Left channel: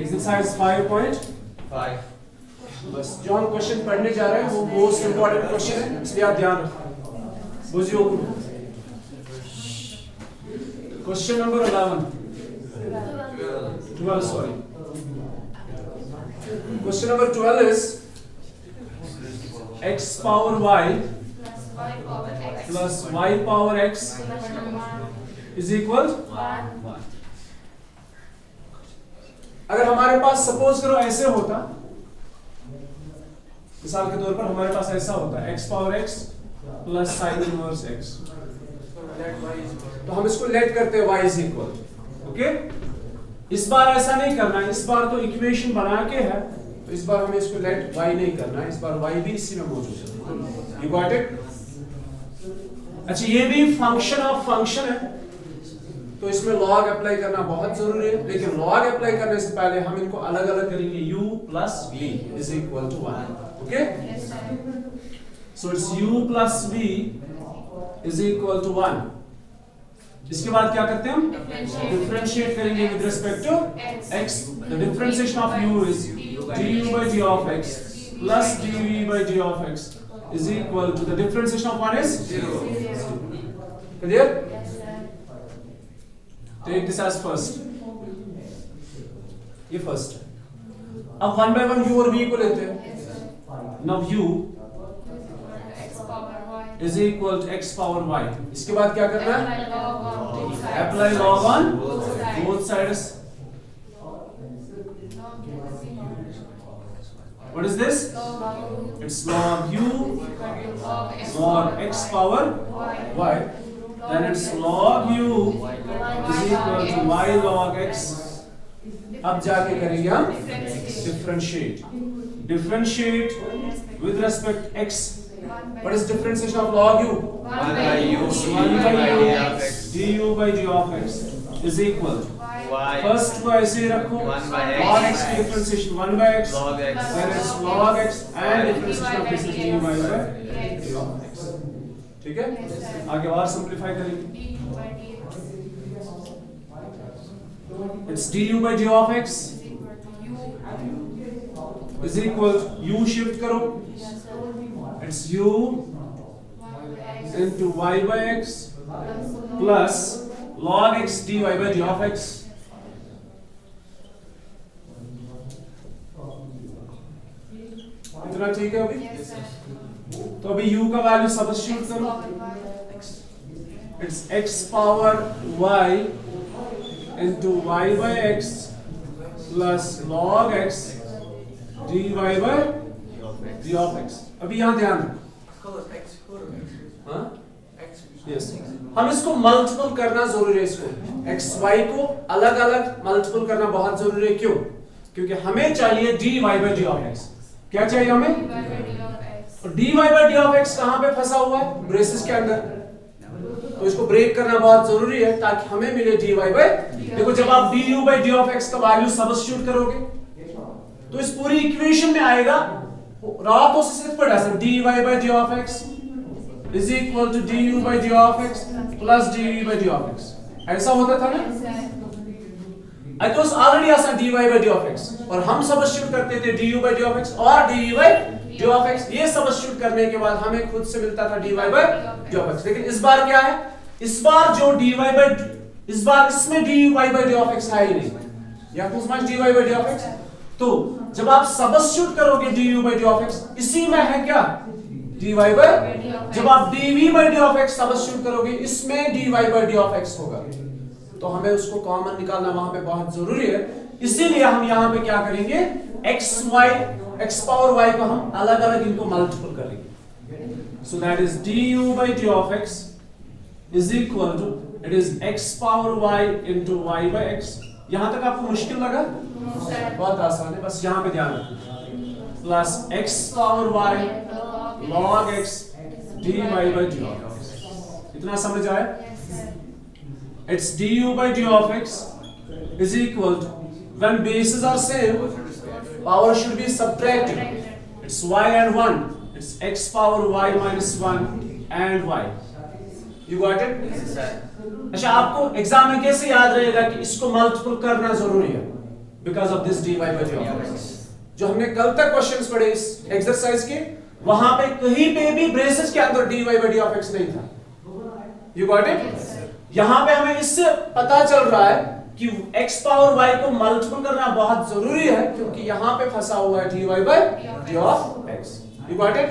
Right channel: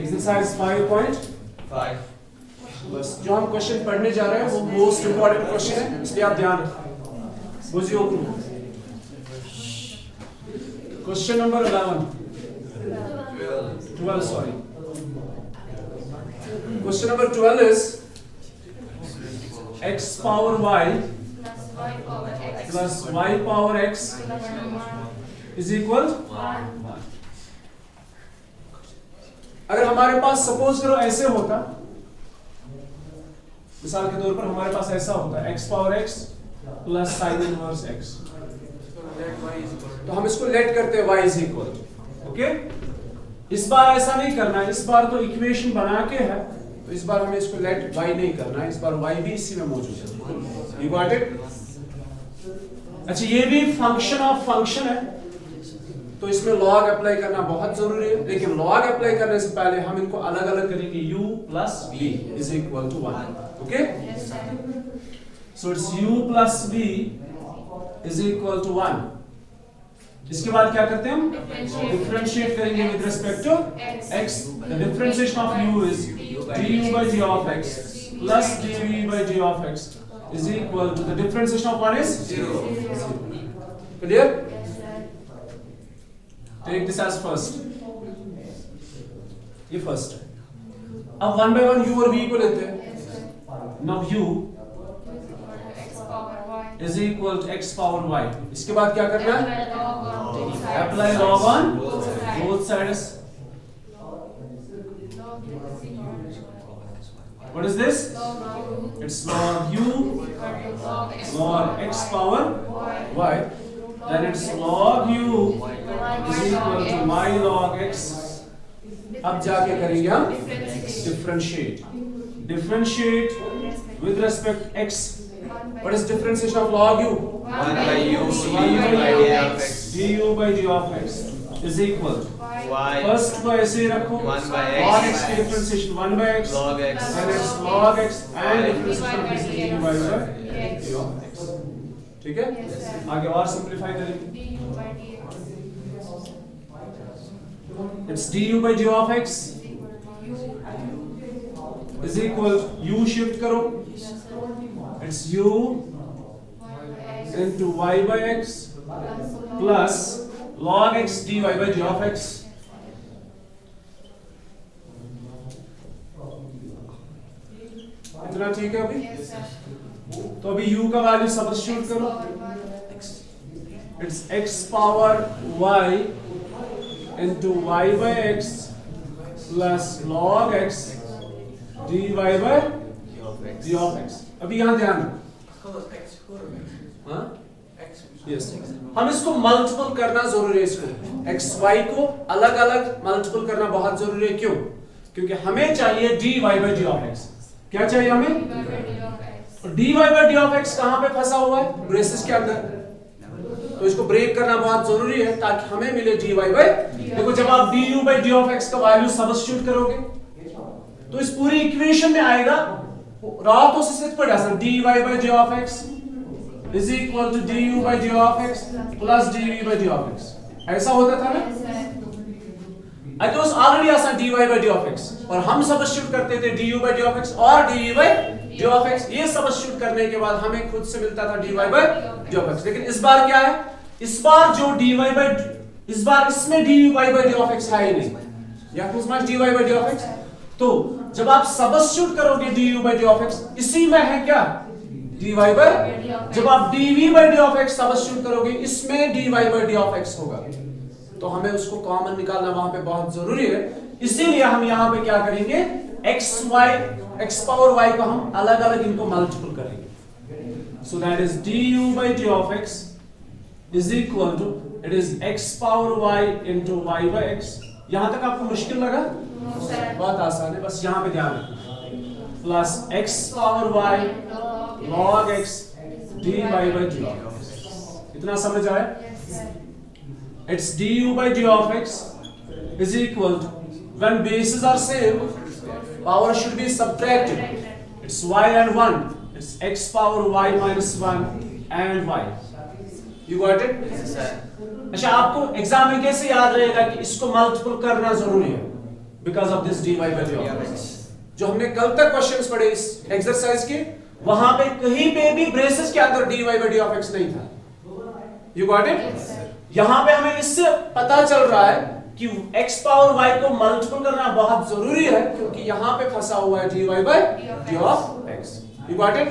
Exercise 5.5। बस जो हम क्वेश्चन पढ़ने जा रहे हैं वो मोस्ट इंपॉर्टेंट क्वेश्चन है, इसलिए आप ध्यान रखें। बुझियो question number 12 sorry. Question number 12 is x power y plus y power x is equal। अगर हमारे पास सपोज करो ऐसे होता, मिसाल के तौर पर हमारे पास ऐसा होता है x power x plus sine inverse x, तो हम इसको लेट करते हैं y इज इक्वल। ओके, इस बार ऐसा नहीं करना है, इस बार तो इक्वेशन बना के है, तो इस बार हमें इसको लेट y नहीं करना है, इस बार y भी इसी में मौजूद है। You got it? अच्छा, ये भी फंक्शन ऑफ फंक्शन है, तो इसमें लॉग अप्लाई करना बहुत जरूरी है, लेकिन लॉग अप्लाई करने से पहले हम इनको अलग अलग करेंगे। u plus v is equal to 1। Okay, so it's u plus v is equal to 1। इसके बाद क्या करते हैं हम? डिफरेंशिएट करेंगे with respect to x। The differentiation of u is du by g of x plus dv by g of x is equal to the differentiation of 1 is 0. Clear? Take this as first. ये first है। अब 1 by 1 u और v को लेते हैं। Now u is equal to x power y। इसके बाद क्या करना है? Apply log on both sides। What is this? It's log u log x power y. Then it's log u is equal to y log x. अब जाके करेंगे हम differentiate. Differentiate with respect x. What is differentiation of log u? 1 by u du by g of x is equal to y first को ऐसे रखो, 1 by log x x की differentiation 1 by x, log x then it's log x and differentiation of this is dy by g of x। ठीक है, आगे और simplify करेंगे। It's du by g of x is equal to u shift करो, it's u into y by x plus log x dy by g of x। इतना ठीक है अभी? तो अभी u का वैल्यू सब्स्टिट्यूट करो, it's x power y into y by x plus log x dy by g of x। अभी यहाँ ध्यान रखो, yes। हम इसको मल्टीपल करना जरूरी है, इसको x y को अलग अलग मल्टीपल करना बहुत जरूरी है। क्यों? क्योंकि हमें चाहिए dy by d of x। क्या चाहिए हमें? dy by d of x कहां पे फंसा हुआ है? ब्रेसेस के अंदर, तो इसको ब्रेक करना बहुत जरूरी है ताकि हमें मिले dy by। देखो, जब आप du by d of x का वैल्यू सब्स्टिट्यूट करोगे तो इस पूरी इक्वेशन में आएगा रातों से सिर्फ पढ़ा sir dy by d of x is equal to du by d of x plus dv by d of x। ऐसा होता था ना? I was already आसान dy by d of x, और हम सब्स्टिट्यूट करते थे du by d of x और dv by d of x। ये सब्स्टिट्यूट करने के बाद हमें खुद से मिलता था dy by d of x। लेकिन इस बार क्या है? इस बार जो dy by इस बार इसमें dy by d of x है ही नहीं, या किस बार dy by d of x। तो जब आप सब्स्टिट्यूट करोगे du by d of x, इसी में है क्या? dy by। जब आप dv by d of x substitute करोगे, इसमें dy by d of x होगा, तो हमें उसको कॉमन निकालना वहां पे बहुत जरूरी है। इसीलिए हम यहाँ पे क्या करेंगे? x पावर y को हम अलग अलग इनको मल्टीपल करेंगे। So that is du by d of x is equal to, it is x power y into y by x। यहां तक आपको मुश्किल लगा? बहुत आसान है, बस यहाँ पे ध्यान रखना। Plus x power y log x dy by d of x। इतना समझ आए? It's du by d of x is equal to, when bases are same, power should be subtracted. It's y and 1. It's x power y minus 1 and y. You got it? Yes, sir. अच्छा, आपको exam में कैसे याद रहेगा कि इसको multiple करना जरूरी है? Because of this dy by d of x। जो हमने कल तक क्वेश्चंस पढ़े इस एक्सरसाइज के, वहां पे कहीं पे भी ब्रेसेस के अंदर dy by d of x नहीं था। You got it? यहां पे हमें इससे पता चल रहा है कि x पावर y को मल्टीपल करना बहुत जरूरी है, क्योंकि यहां पे फंसा हुआ है dy by d of x। You got it?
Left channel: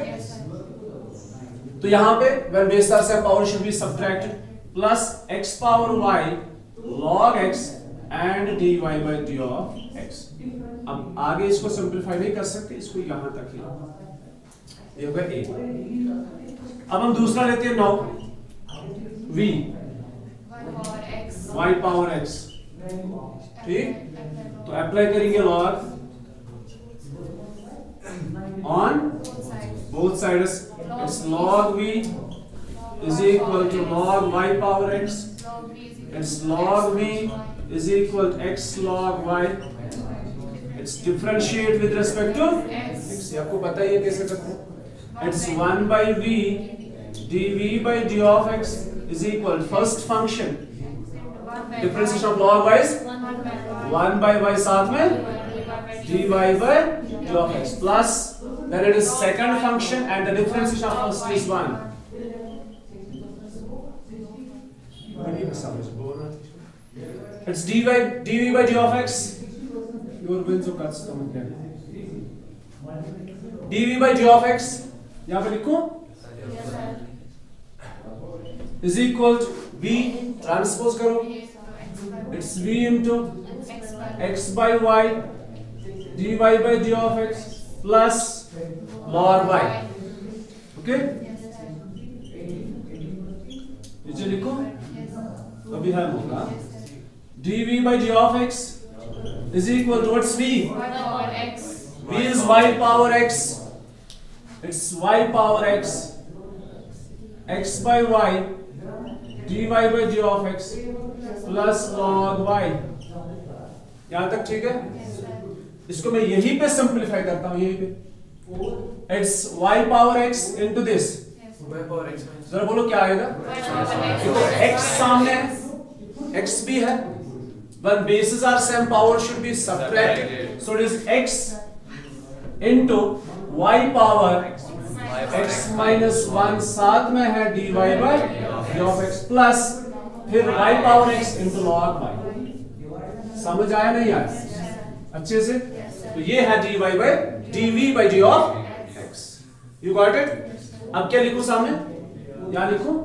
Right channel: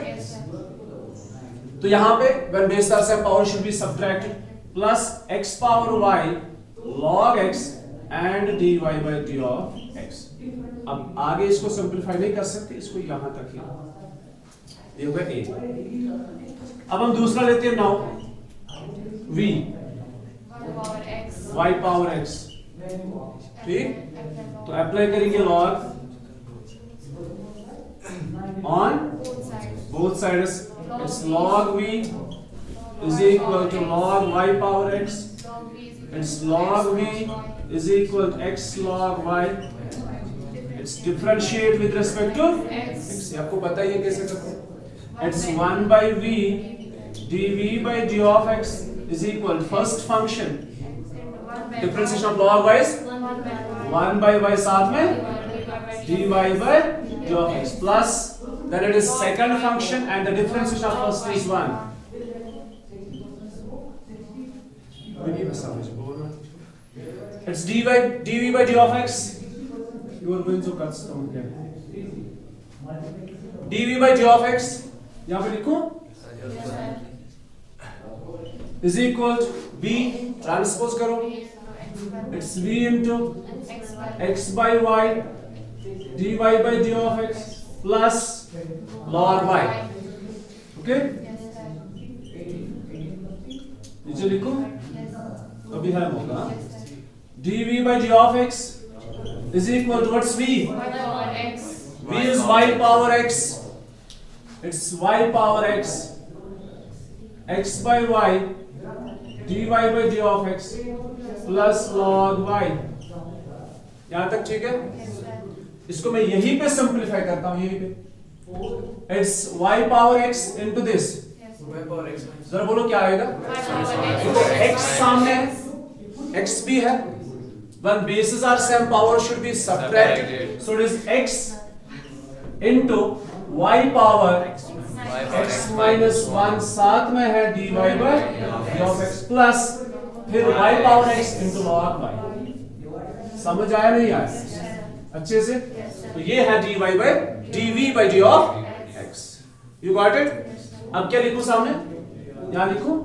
तो यहां पे when base are same power should be subtracted plus x power y log x and dy by d of x। अब आगे इसको सिंपलीफाई नहीं कर सकते, इसको यहां तक ही, ये होगा a। अब हम दूसरा लेते हैं now v y power x, ठीक? तो अप्लाई करेंगे log on both sides, it's log v is equal to log y power x, it's log v is equal to x log y, it's differentiate with respect to x। आपको पता ही है कैसे करते हैं। It's 1 by v dv by d of x is equal first function differentiation of log y is 1 by y साथ में dy by d of x plus then it is second function and the differentiation of first is 1। It's dv by d of x, you are going to cut some them, dv by d of x यहां पे लिखूं is equal to v transpose करो, it's v into x by y dy by d of x plus log y। Okay, नीचे लिखो, अभी है होगा dv by d of x is equal to what's v? v is y power x, it's y power x, x by y dy by d of x plus log y। यहां तक ठीक है? इसको मैं यहीं पे सिंपलीफाई करता हूं, यहीं पे it's y power x into this, जरा बोलो क्या आएगा? देखो x सामने है, x भी है, when bases are same power should be subtracted, so it is x into y power x minus 1 साथ में है dy by d of x plus फिर y power x into log y। समझ आया नहीं आया अच्छे से? तो ये है dy by dv by d of x। You got it? अब क्या लिखूं सामने? यहां लिखूं,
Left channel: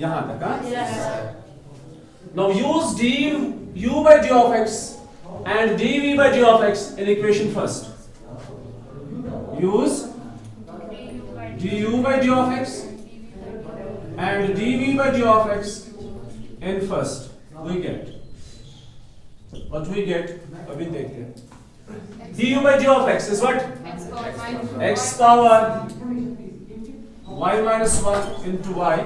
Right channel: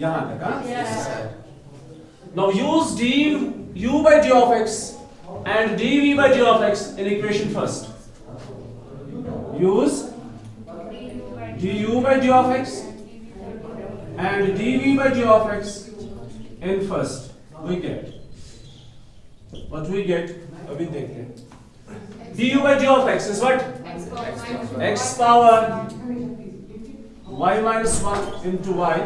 यहां तक। Now use du by d of x and dv by d of x in equation first। Use du by d of x and dv by d of x in first। We get what we get, अभी देखते हैं। du by d of x is what? x power y minus 1 into y।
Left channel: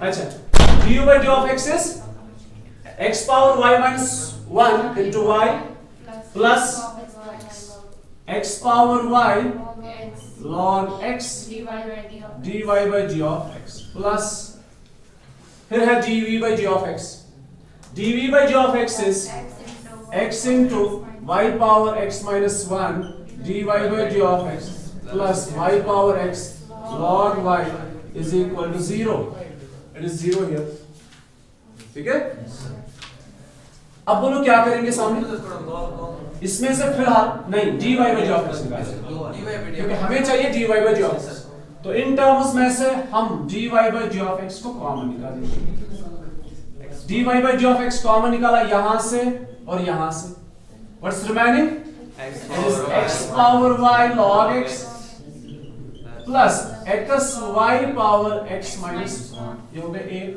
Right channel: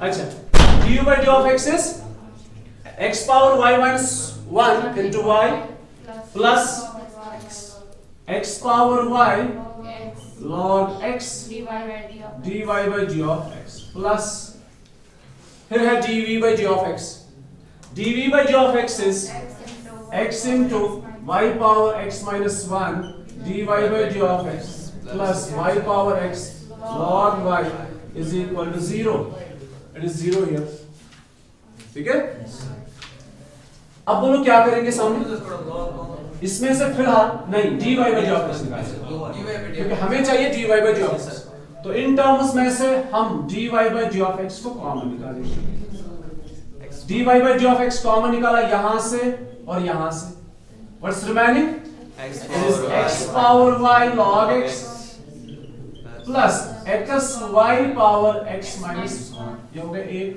अच्छा, du by d of x is x power y minus 1 into y plus x power y log x dy by d of x plus फिर है dv by d of x। dv by d of x is x into y power x minus 1 dy by d of x plus y power x log y is equal to 0। It is 0 here। ठीक है? अब बोलो क्या करेंगे सामने? इसमें से फिलहाल नहीं dy by d of x निकालेंगे, क्योंकि हमें चाहिए dy by d of x। तो इन टर्म्स में से हम dy by d of x को कॉमन निकालेंगे। dy by d of x common निकाला यहां से और यहां से, what's remaining? x power y log x plus x y power x minus, ये हो गया 1।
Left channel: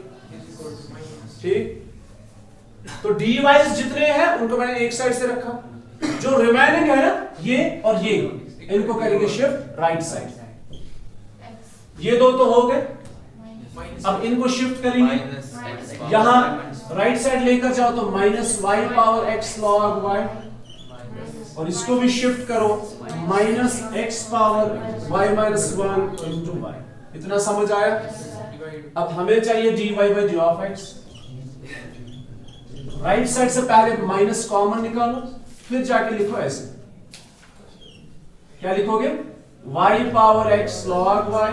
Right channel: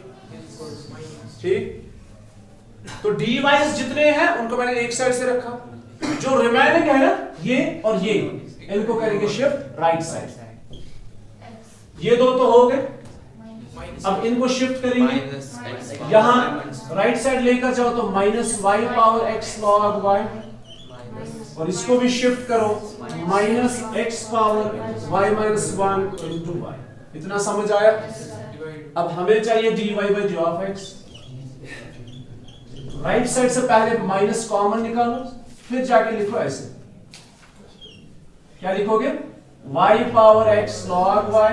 ठीक, तो dy जितने हैं उनको मैंने एक साइड से रखा, जो रिमेनिंग है ना ये और ये, इनको करेंगे शिफ्ट राइट साइड। ये दो तो हो गए, अब इनको शिफ्ट करेंगे, यहाँ राइट साइड लेकर जाओ तो minus Y power X log Y, और इसको भी शिफ्ट करो minus X power Y minus 1 into Y. इतना समझ आया? अब हमें चाहिए dy by D of X. Right side से पहले माइनस कॉमन निकालो, फिर जाके लिखो ऐसे, क्या लिखोगे? y power x log y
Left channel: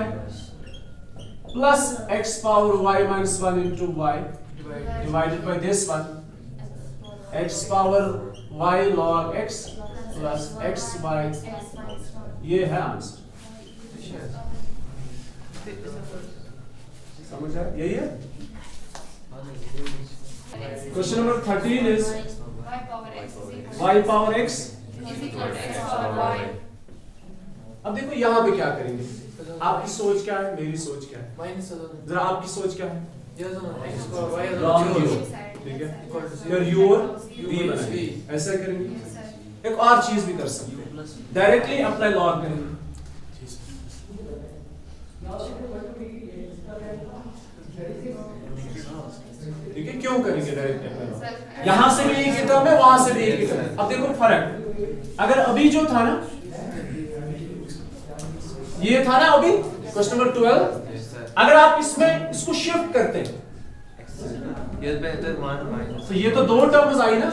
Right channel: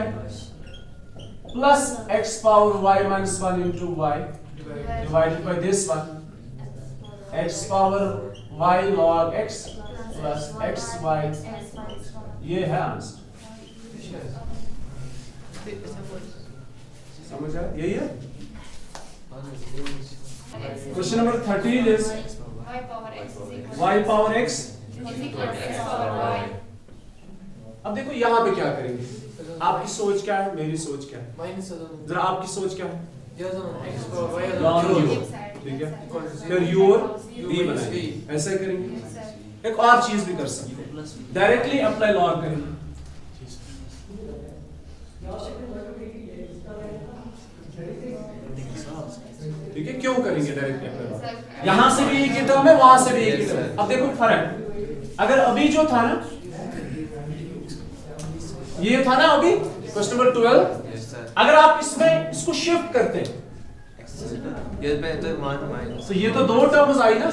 plus x power y minus 1 into y divided by this one, x power y log x plus x y। ये है आंसर। समझ आया? यही है। Question number 13 is y power x। अब देखो यहाँ पे क्या करेंगे, आपकी सोच क्या है, मेरी सोच क्या है, जरा आपकी सोच क्या है? ठीक है, फिर यू और ऐसे करेंगे। एक और चीज भी कर सकते हैं, डायरेक्टली अप्लाई लॉग करेंगे। ठीक है, क्यों करेंगे डायरेक्टली अप्लाई लॉग? यहां से भी एक ही टर्म है, वहां से भी एक ही टर्म है। अब देखो फर्क, अगर अभी जो था ना, ये था ना अभी क्वेश्चन नंबर 12, अगर आप इसमें इसको शिफ्ट करते हैं तो ये तो दो टर्म्स आई ना।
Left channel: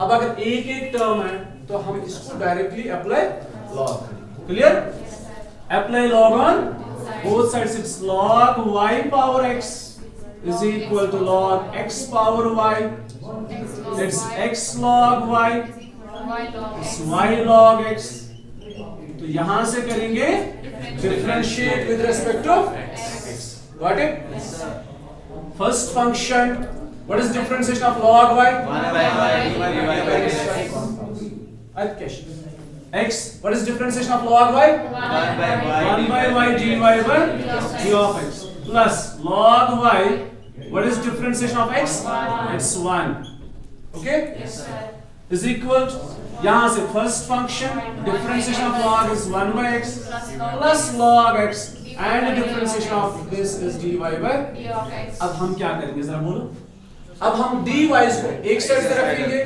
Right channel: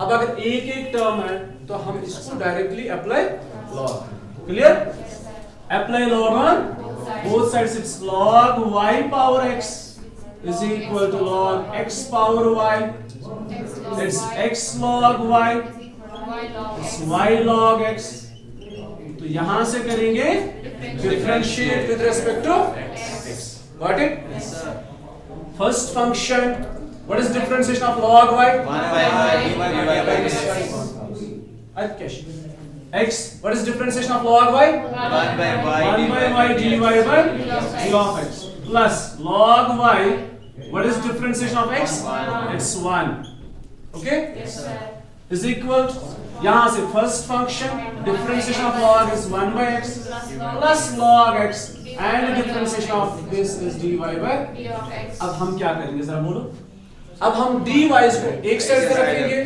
अब अगर एक एक टर्म है तो हम इसको directly apply log. Clear? Apply log on both sides. It's log y power x is equal to log x power y। It's x log y, it's y log x। तो यहां से करेंगे differentiate with respect to x। Got it? First function, what is differentiation of log y? 1 by y x। What is differentiation of log y? 1 by y dy by d of x plus log y, what is differentiation of x? It's 1। Okay, is equal to, यहां से first function differentiation of log is 1 by x plus log x and differentiation of this is dy by d of x। अब हम क्या करेंगे जरा बोलो? अब हम dy को एक साइड पे रखेंगे,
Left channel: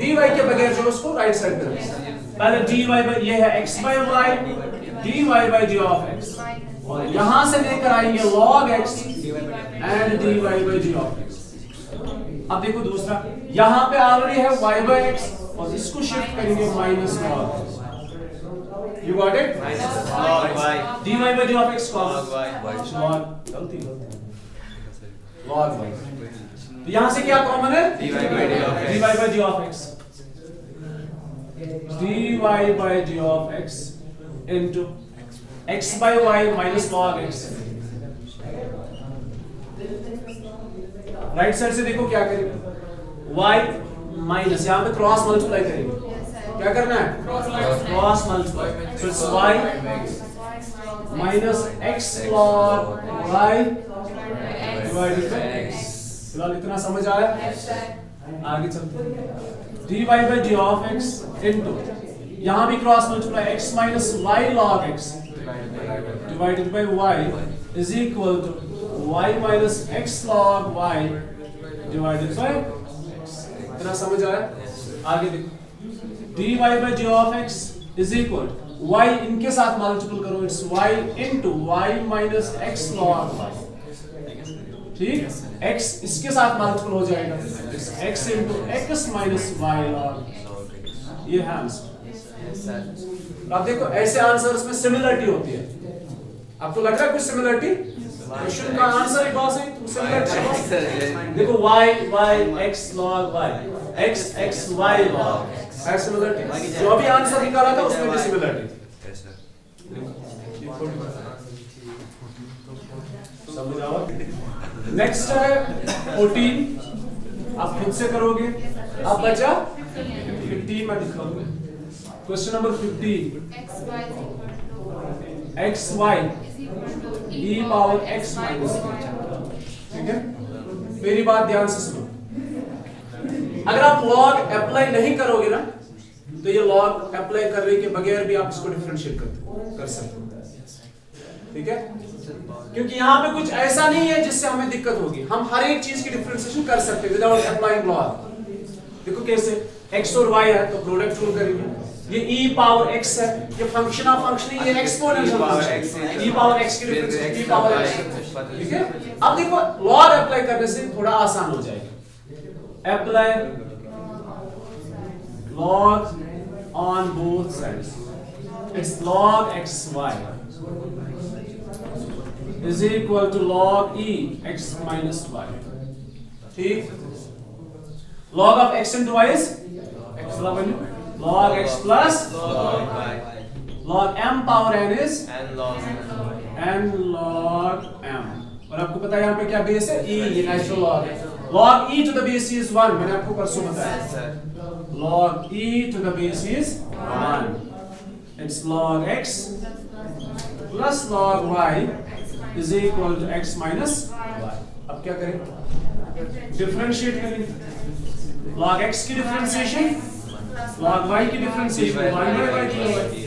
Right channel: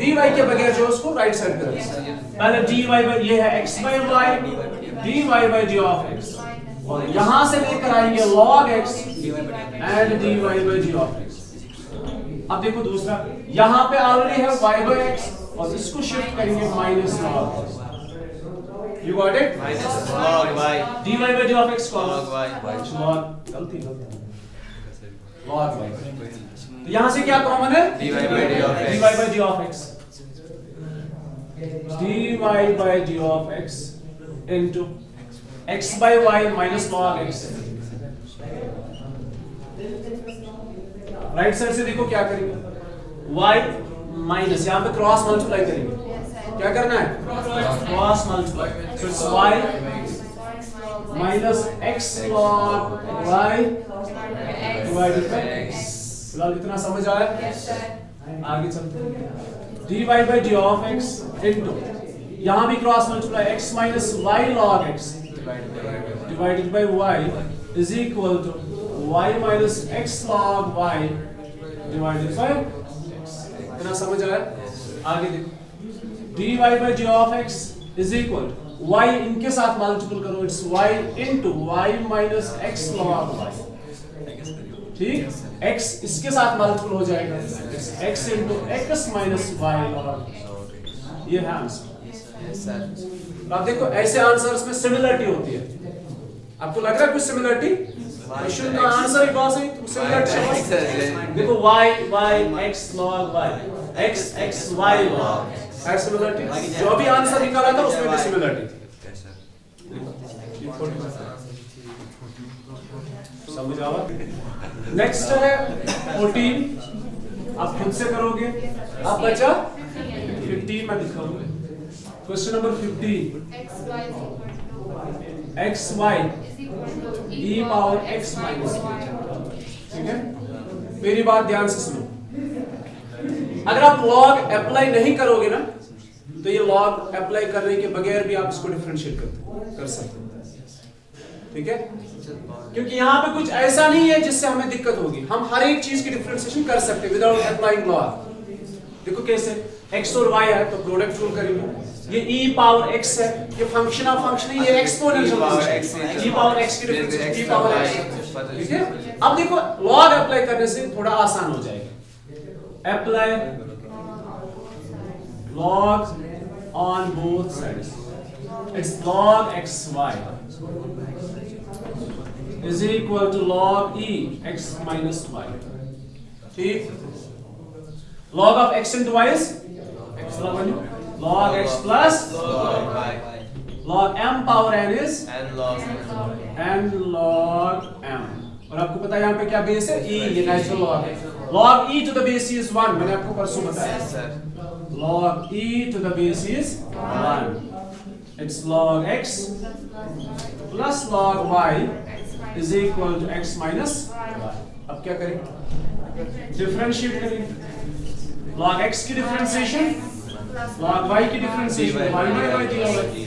dy के बगैर जो उसको राइट साइड पे रखेंगे। पहले dy by, ये है x by y, dy by d of x, यहां से लेकर आएंगे log x and dy by d of x। अब देखो दूसरा, यहां पे ऑलरेडी है y by x और इसको शिफ्ट करेंगे minus log। You got it? log y dy by d of x log y log, गलती log y। तो यहां से क्या कॉमन है? dy by d of x, dy by d of x into x by y minus log x। Right side से देखो क्या करेंगे, y माइनस, यहाँ पे क्रॉस मल्टीप्लाई करेंगे। क्या करना है? Cross multiply. So it's y minus x log y divided by x। फिलहाल इतना समझ आया? आगे चलते हैं। dy by d of x into, यहाँ भी cross multiply, x minus y log x divided by y is equal to y minus x log y divided by x। इतना समझ आया? आगे देखो, dy by d of x is equal y, इनके साथ multiple करो, it's y into y minus x log y। ठीक, x इसके साथ मल्टीपल हो जाएगा, it's x into x minus y log। ये है आंसर। अब देखो ऐसे आंसर्स में सिमिलरिटी होती है। आपको लग रहा है कुछ सिमिलरिटी? क्वेश्चन का आंसर ही बहुत सही, सिमिलरिटी देखो, y x log y, x y log, है सिमिलरिटी। जो भी आंसर निकाला था उसमें भी सिमिलरिटी। समझ आओ? नेक्स्ट है 14, आप खुद से करोगे। अब बचा 15 में लिखोगे। Question number 15, X Y e power x minus, ठीक है? मेरी बात ध्यान से सुनो, अगर आप लॉग अप्लाई नहीं करोगे ना तो ये लॉग अप्लाई करने के बगैर भी आप इसको डिफरेंशिएट कर सकते हो। ठीक है, क्योंकि यहाँ पे कुछ ऐसा नहीं है जिससे हमें दिक्कत होगी, हम हर एक चीज की डिफरेंशिएशन कर सकते हैं विदाउट अप्लाइंग लॉग। देखो कैसे, x और y है तो प्रोडक्ट रूल करेंगे, ये e पावर x है, ये फंक्शन ऑफ फंक्शन है, ये एक्सपोनेंशियल फंक्शन है, e पावर x की डिफरेंशिएशन e पावर x, ठीक है। अब देखो लॉग अप्लाई करने से थोड़ा आसान हो जाएगा, apply log on both sides, it's log xy is equal to log e x minus y, ठीक। log of x into y is log x plus log y, log m power n is n log m, और आपको पता है यहाँ पे क्या base है, e, ये नेचुरल लॉग है, log e to the base is 1, मैंने आपको परसों बताया, log e to the base is 1, it's log x plus log y is equal to x minus y। अब क्या करें, डिफरेंशिएट करें, log x की डिफरेंशिएशन log y की डिफरेंशिएशन 1 by y की होगी,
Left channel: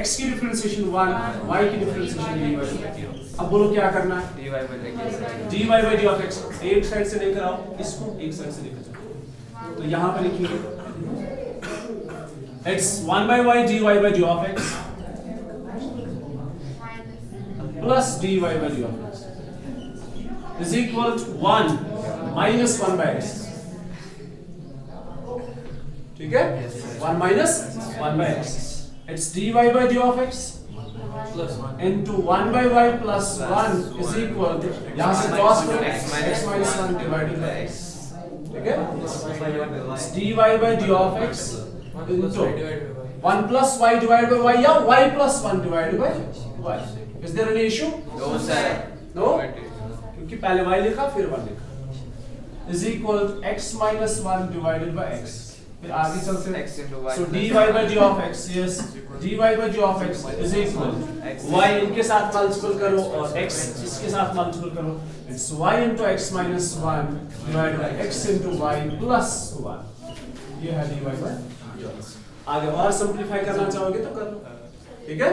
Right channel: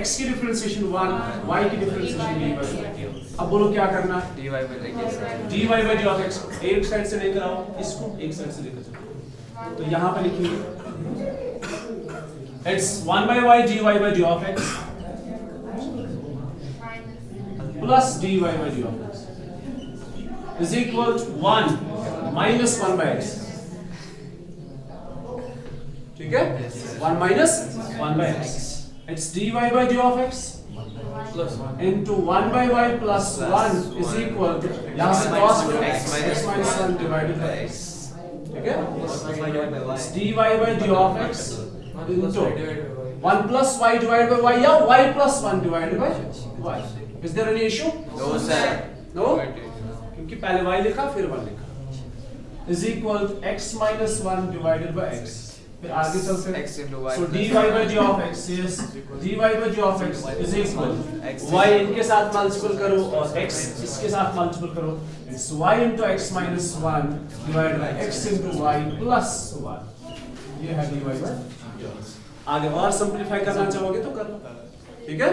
x की डिफरेंशिएशन 1, y की डिफरेंशिएशन dy। अब बोलो क्या करना है, dy by d of x, एक साइड से लेकर आओ इसको, एक साइड से लेकर जाओ, तो यहाँ पर लिखेंगे it's 1 by y dy by d of x plus dy by d of x is equal to 1 minus 1 by x, ठीक है, 1 minus 1 by x, it's dy by d of x into 1 by y plus 1 is equal to, यहाँ से cross करो, x minus 1 divided by x, ठीक है, it's dy by d of x into 1 plus y divided by y या y plus 1 divided by y। Is there any issue? No sir. No? क्योंकि पहले y लिखा फिर 1 लिखा, is equal to x minus 1 divided by x, फिर आगे चलते हैं, so dy by d of x, yes, dy by d of x is equal y इनके साथ मल्टीपल करो और x इसके साथ मल्टीपल करो, it's y into x minus 1 divided by x into y plus 1, ये है dy by d of x। आगे और सिंपलीफाई करना चाहोगे तो करो, ठीक है।